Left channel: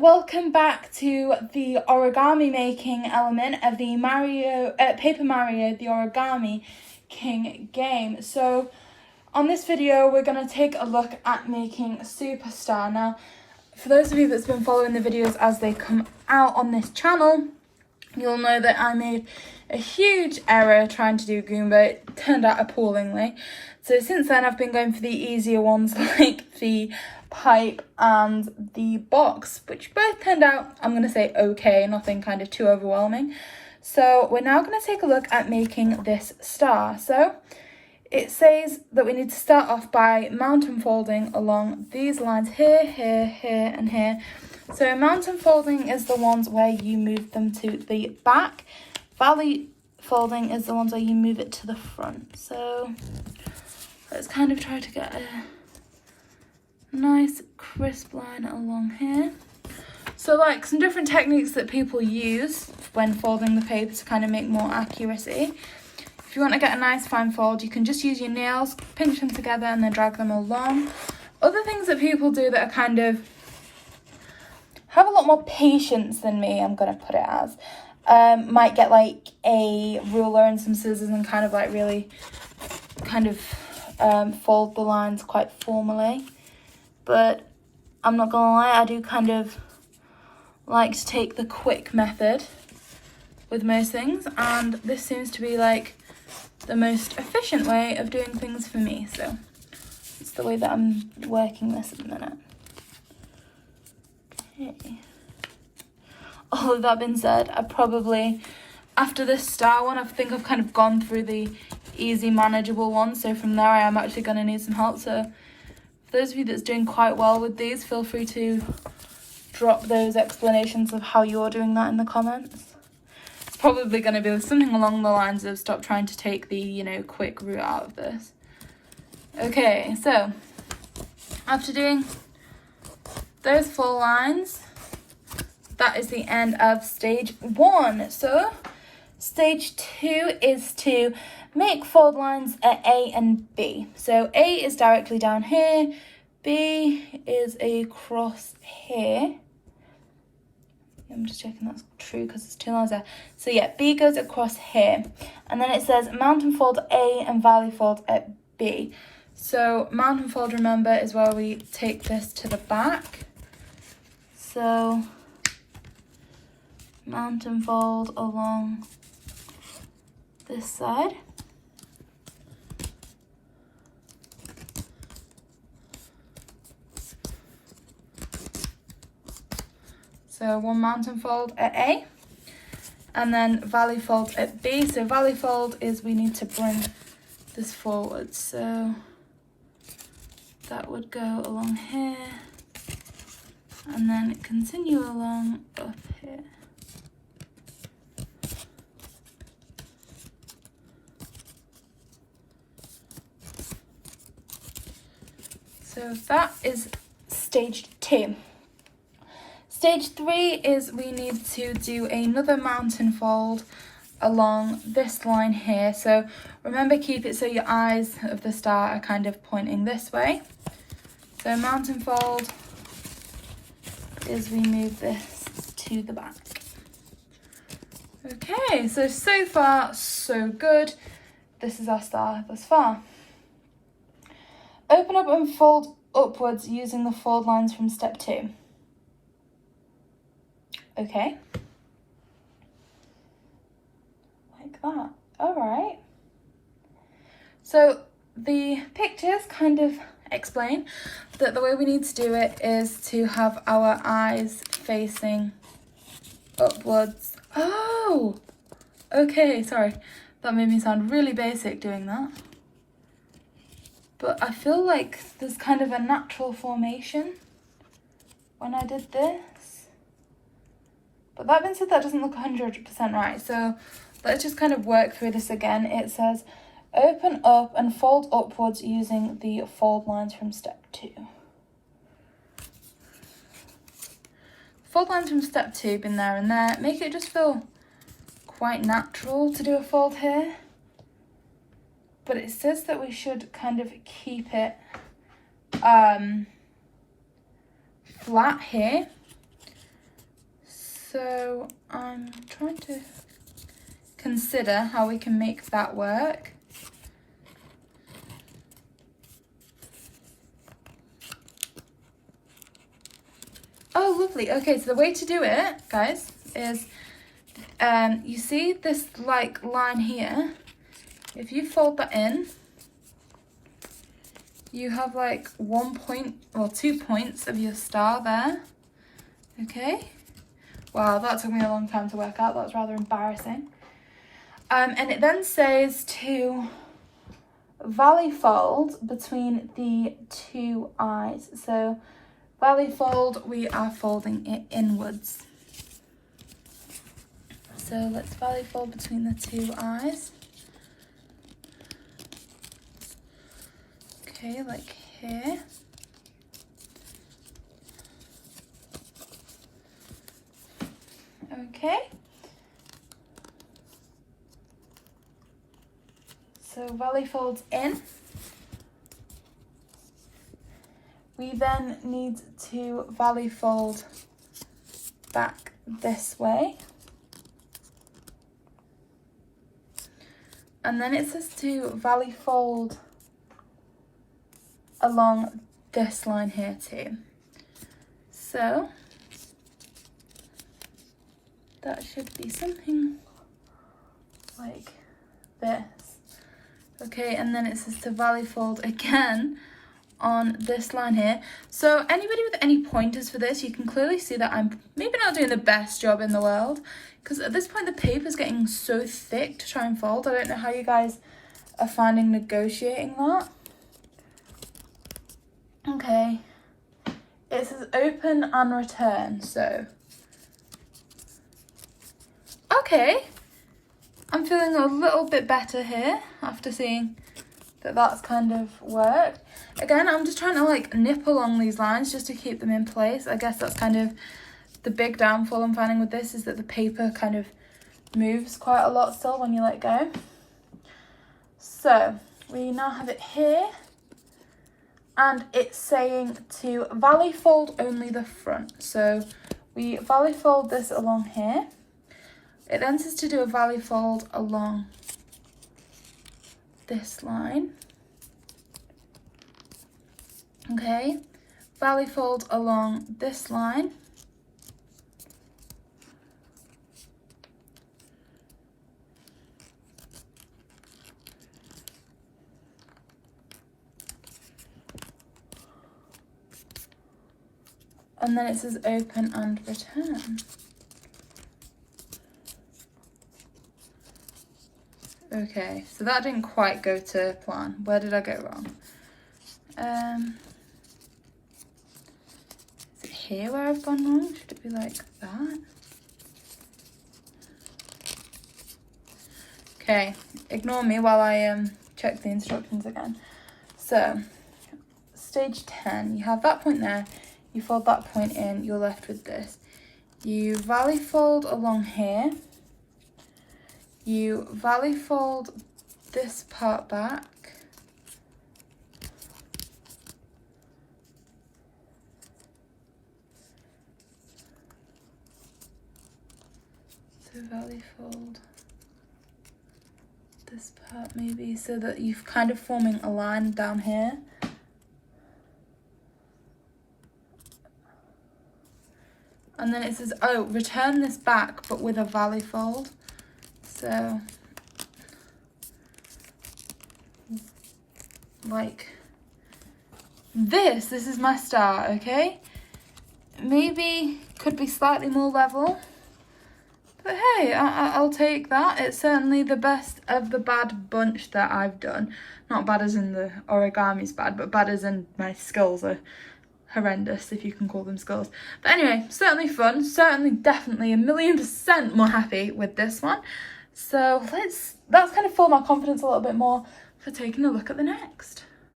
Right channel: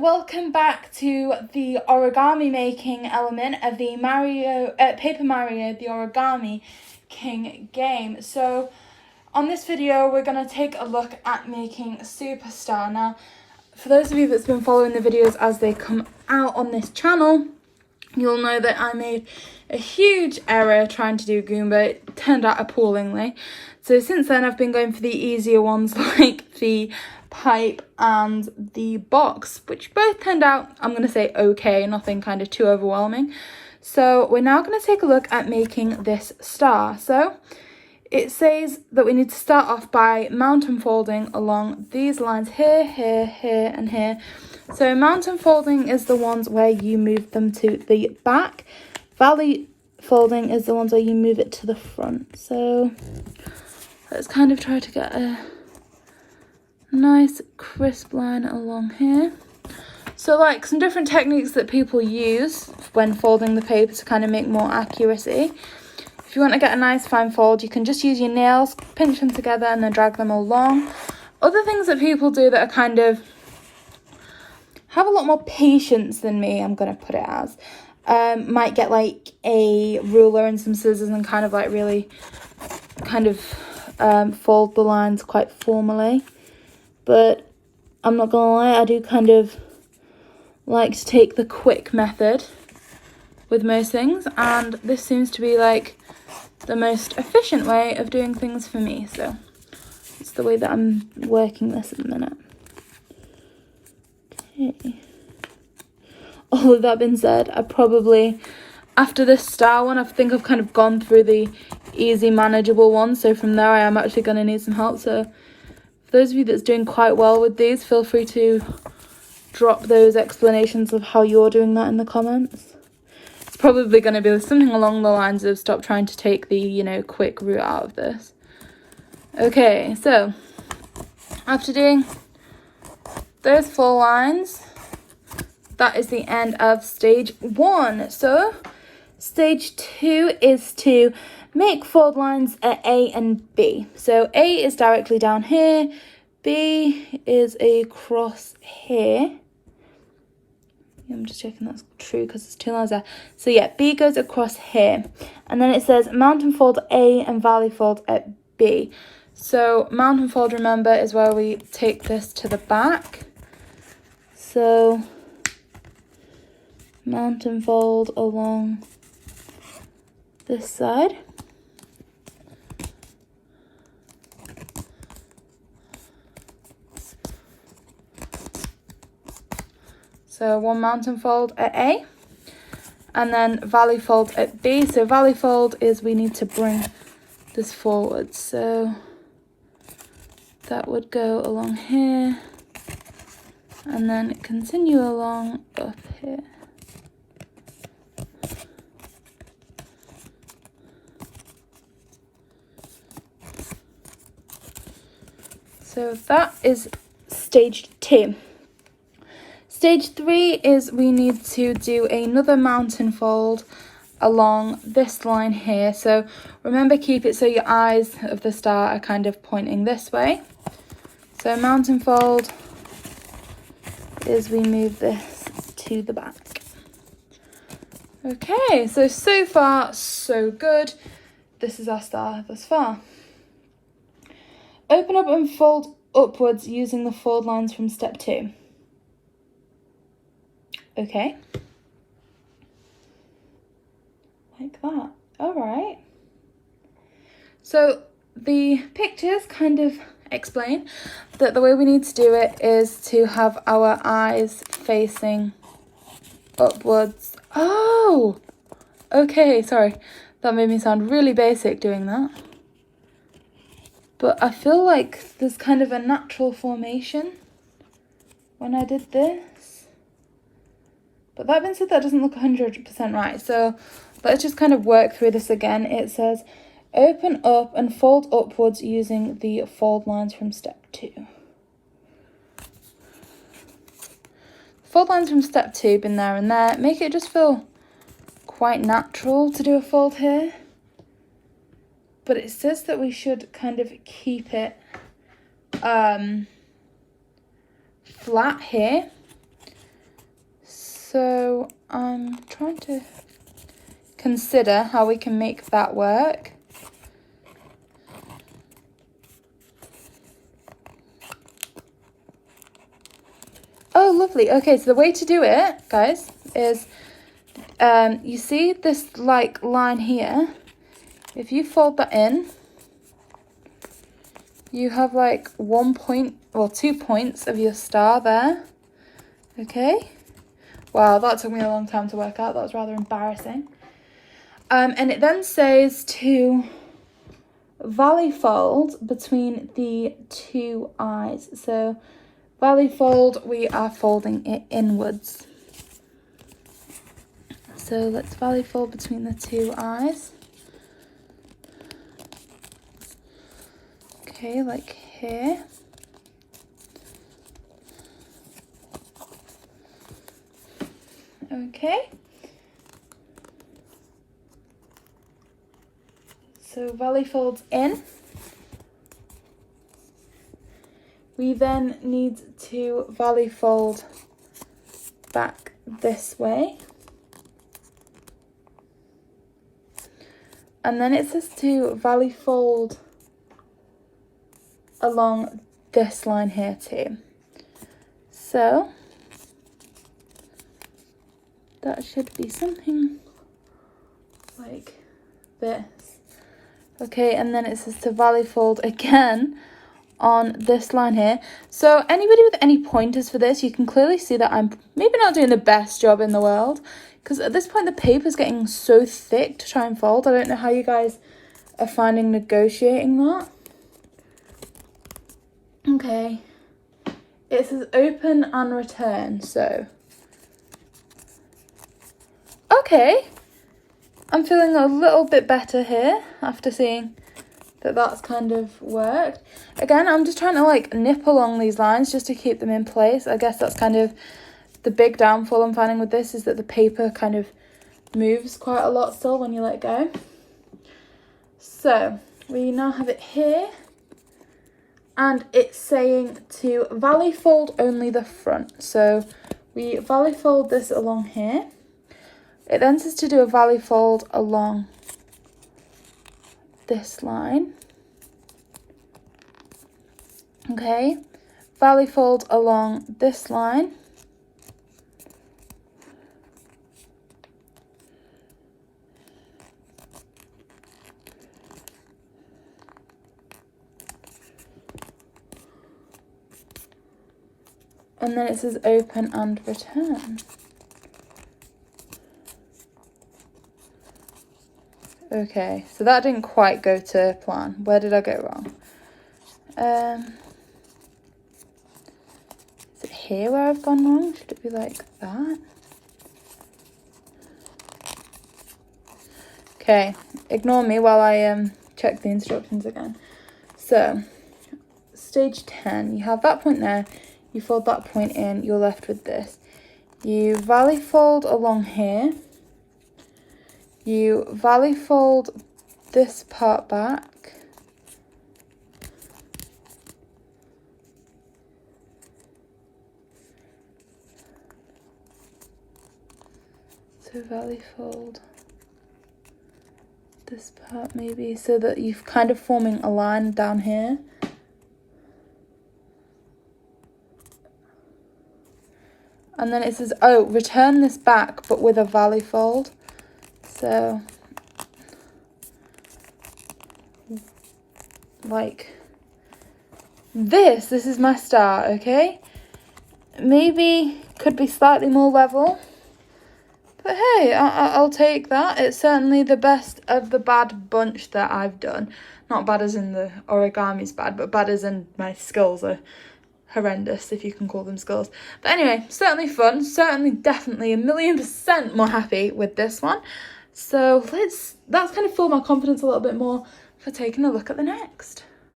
welcome back to the origami making element of the Paper Mario, the Origami King game. So on this video, we're going to take a look at making a superstar. Now, for those of you that's been following the videos as they come out on this channel, you'll know that I made a huge error trying to do Goomba. It turned out appallingly. So since then, I've been going for the easier ones like the pipe and the box, which both turned out, I'm going to say, okay, nothing kind of too overwhelming. So we're now going to take a look at making this star. So it says that we need to start off by mountain folding along these lines here, here, here, and here. So mountain folding is the ones where you move them to the back. Valley folding is the ones where you move it to the front. So let's kind of try to get a nice crisp line along here. So like some different techniques that people use when folding the paper to kind of make more accuracy. If you want to get a nice fine fold, you can just use your nails, pinch them together and then drag them along. Other things that people do that are kind of have a lot more patience than me, I'm going to put it as, might get like a ruler and some scissors and kind of like really kind of fold the lines quite formally. But I'm not gonna lie, I do kind of like to take the quick method with most things, and this seems to be like the most efficient way of doing things for me. So it's the way that I'm working this at the minute. Okay. All of that being said, I probably, after this star one, I think I've kind of gone through the easy manageable ones. So from there I am actually going to need some help. So for those of you that's doing quite well with these, feel free to drop those explanations of how you're doing that in the comments. It's probably going to be something along the lines of stop trying to take the, quick route out of this. Okay, so after doing those 4 lines, that is the end of stage 1. So stage 2 is to make fold lines at A and B. So A is directly down here, B is across here. I'm just checking that's true because there's 2 lines there. So yeah, B goes across here. And then it says mountain fold A and valley fold at B. So mountain fold, remember, is where we take this to the back. So mountain fold along this side. So 1 mountain fold at A, and then valley fold at B. So valley fold is we need to bring this forward. So that would go along here, and then continue along up here. So that is stage 2. Stage 3 is we need to do another mountain fold along this line here. So remember, keep it so your eyes of the star are kind of pointing this way. So mountain fold is we move this to the back. Okay, so far so good. This is our star thus far. Open up and fold upwards using the fold lines from step 2. Okay. Like that. Alright. So the pictures kind of explain that the way we need to do it is to have our eyes facing upwards. Oh! Okay, sorry. That made me sound really basic doing that. But I feel like there's kind of a natural formation when I did this. But that being said, that doesn't look 100% right. So let's just kind of work through this again. It says, open up and fold upwards using the fold lines from step 2. Fold lines from step 2, been there and there. Make it just feel quite natural to do a fold here. But it says that we should kind of keep it flat here. So I'm trying to consider how we can make that work. Oh, lovely. Okay, so the way to do it, guys, is you see this like line here. If you fold that in, you have like 1 point or 2 points of your star there. Okay. Wow, that took me a long time to work out. That was rather embarrassing. And it then says to valley fold between the two eyes. So valley fold, we are folding it inwards. So let's valley fold between the two eyes. Okay, like here. Okay. So valley folds in. We then need to valley fold back this way. And then it says to valley fold along this line here too. So that should be something like this. Okay, and then it says to valley fold again on this line here. So anybody with any pointers for this, you can clearly see that I'm maybe not doing the best job in the world, because at this point the paper's getting so thick to try and fold. I don't know how you guys are finding negotiating that. Okay, it says open and return, so okay, I'm feeling a little bit better here after seeing that that's kind of worked. Again, I'm just trying to like nip along these lines just to keep them in place. I guess that's kind of the big downfall I'm finding with this, is that the paper kind of moves quite a lot still when you let go. So we now have it here, and it's saying to valley fold only the front. So we valley fold this along here. It then says to do a valley fold along this line. Okay, valley fold along this line. And then it says open and return. Okay, so that didn't quite go to plan. Where did I go wrong? Is it here where I've gone wrong? Should it be like that? Okay, ignore me while I check the instructions again. So, stage 10, you have that point there, you fold that point in, you're left with this. You valley fold along here. You valley fold this part back. So valley fold this part maybe, so that you're kind of forming a line down here. And then it says, oh, return this back, but with a valley fold. So, like this is my star, okay? Maybe could be slightly more level, but hey, I'll take that. It's certainly the best of the bad bunch that I've done. Not bad as in the origami's bad, but bad as in my skills are horrendous, if you can call them skills. But anyway, certainly fun, certainly definitely 1,000,000% more happy with this one. So that's kind of filled my confidence a little bit more for taking a look at the next.